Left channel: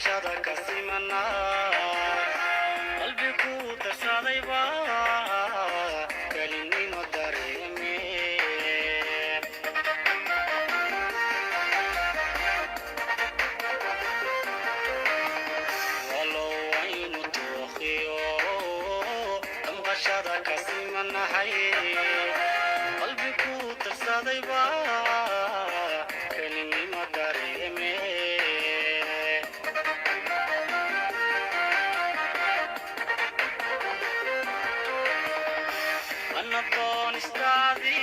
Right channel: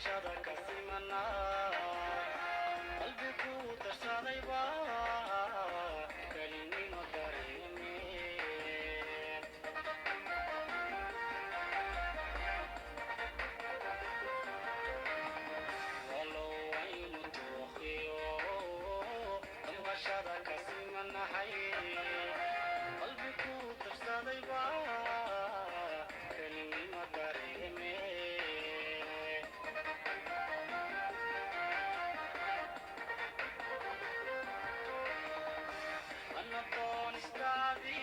damqashada ka simana qalbigu darsaday baa kalinimo dareeme walo aynu tuuqiyo damqashada ka simana hay qalbigu darsaday baa kalinimo dareeme Anadon istadi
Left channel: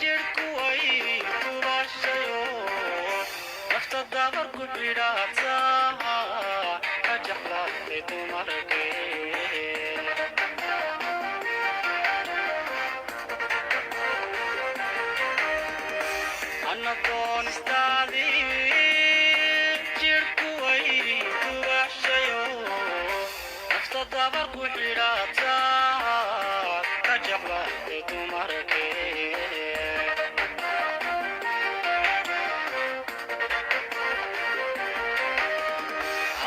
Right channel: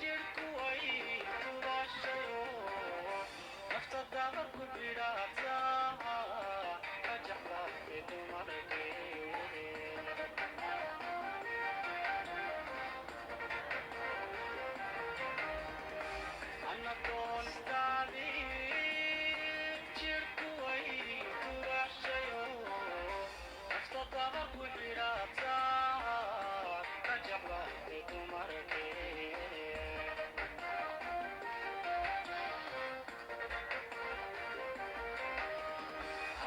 jirku ay kubashayo nafta dabar ku bidata ajahla tumarke Anadon istadi jirku ay kubashayo nafta dabar ku bidata ajahla tumarke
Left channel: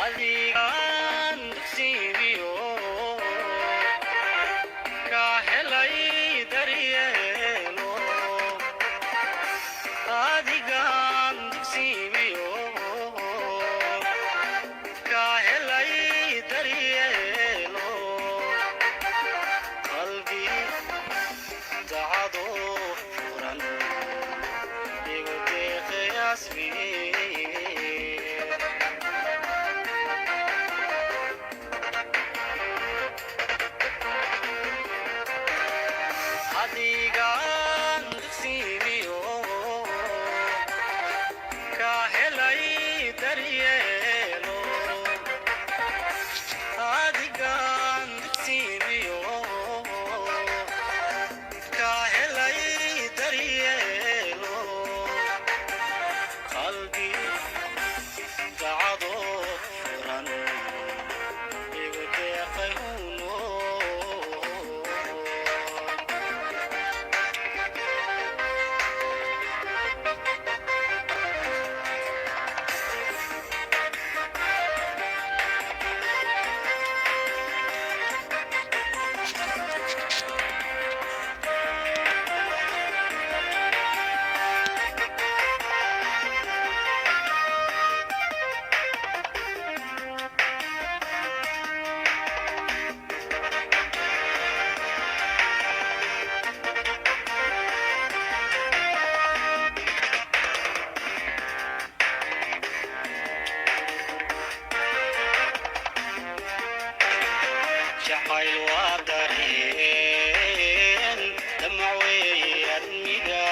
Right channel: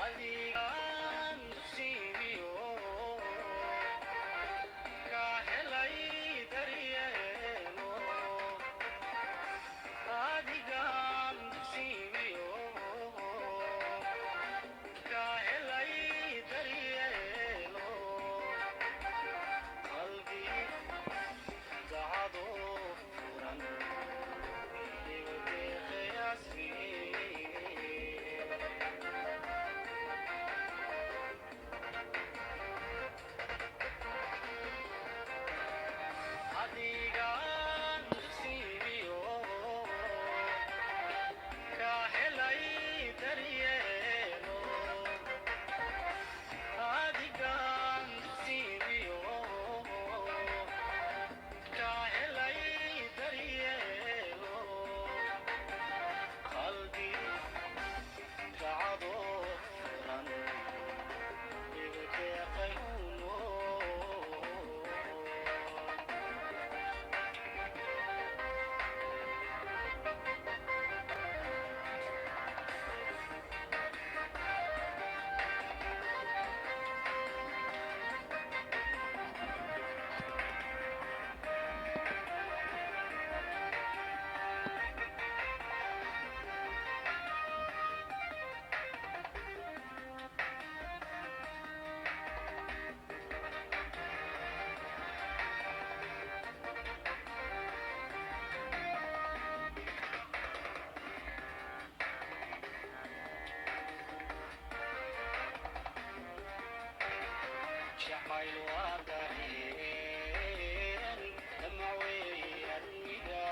adigan sibiyo ka helay daryeelo adigan sibiyo ka helay daryeelo qalbi dacado furan igu deeqay asmi adigan sibiyo ka helay daryeelo adigan sibiyo ka helay daryeelo qalbi dacado furan igu deeqay jacayl waa dareen damacweeye admiga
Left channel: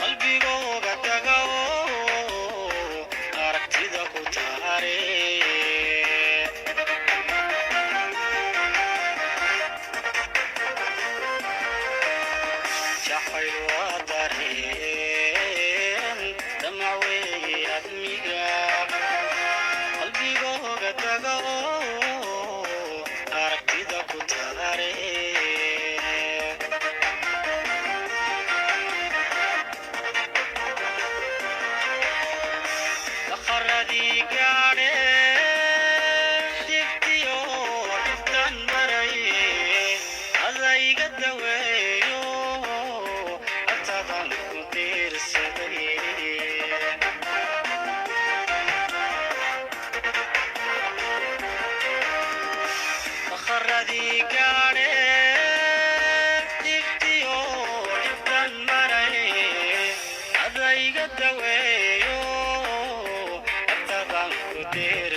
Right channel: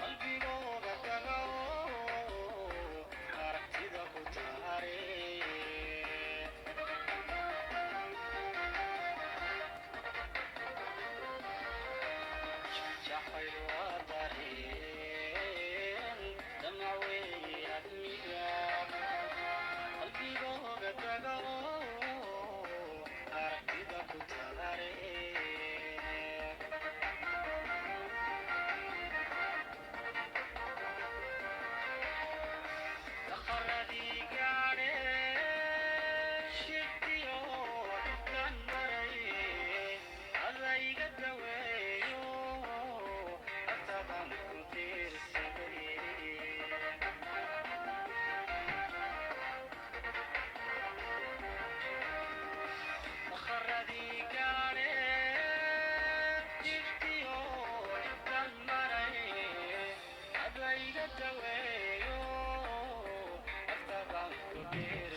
qalbigooga taga oo aragtida ku taare jacayl waa dareen damacweeye admiga qalbigooga taga aragtida ku taare dakharadii gaadhe digtiyo dhibtan maray adayga daweeyo agtadan ku tiirsaday dakharadii gaadhe digtiyo dhibtan maray adayga daweeyo agtadan ku tiir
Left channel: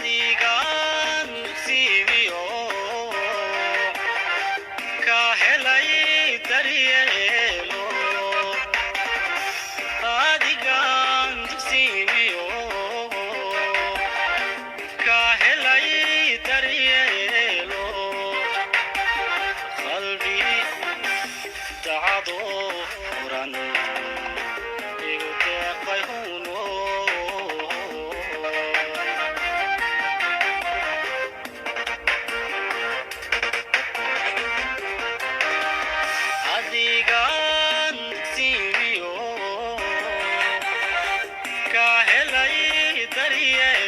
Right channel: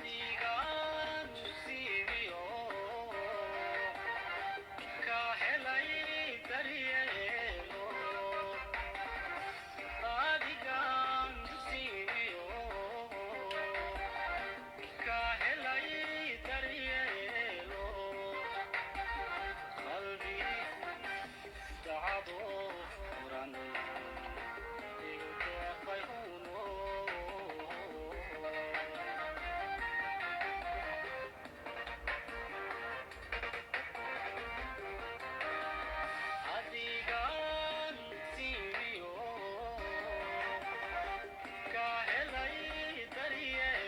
adigaan dugsiimiyo ka helay daryeelo adigaan dugsiimiyo ka helay daryeelo qalbi dacado furan igu deeqay huno adigaan dugsiimiyo ka helay daryeelo